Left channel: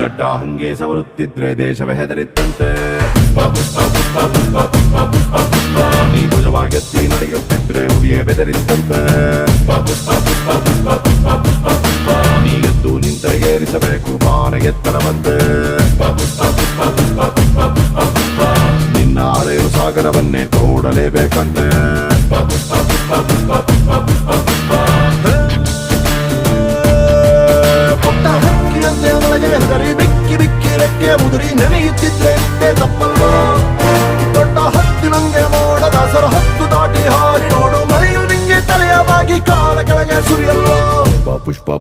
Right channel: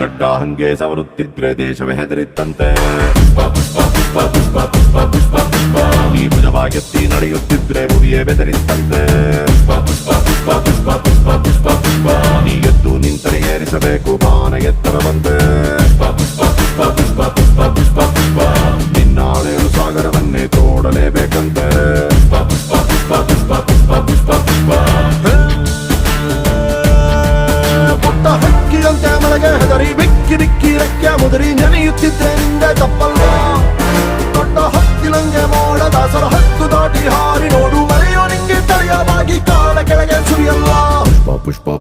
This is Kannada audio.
ಗಡ್ಡ ಹಂಗೆ ಸವರುತ್ತಿದ್ರೆ ದೇಶವೇ ಹೆದರಿತ್ತಂತೆ. ನೀ ಭುಜವಾಗೆತ್ತಿ ನಡೆಯುತ್ತಿದ್ರೆ ಹುಲಿಯೇ ಬೆದರಿತ್ತಂತೆ. ನೀ ಎದ್ದು ನಿಂತರೆ ಏರಿಸಬೇಕು ಬಾನ ಎತ್ತರವಂತೆ. ನಿನ್ನ ಅಳೆಯಲು ಸಾಗರವನ್ನೇ ತೋಡಲೇಬೇಕಂತೆ. ಪುಟ್ಟ ಹಕ್ಕಿಯಂತೆ ಮಳೆಗೆ ಹೆದರಿ ಬಿಕ್ಕಿ ಬಿಕ್ಕಿ ರೆಕ್ಕೆ ಮುದುರಿ ನೆನೆಯುತ್ತಿದ್ರೆ ನಿನ್ನೆ ತಪ್ಪಲ್ವಾ? ದೊಡ್ಡ ಹತ್ತಿನಂಗೆ ಮೋಡ ದಾಸರ ಹತ್ತು ದಾಟಿ ಹಾರಿ ನೋಡು, ಮಳೆಯು ನಿಂಗೆ ತಲೆಯ ಬಾಗಿ ಕಾಲ ಕೆಳಗೆ ಸುರಿಯಲ್ವಾ?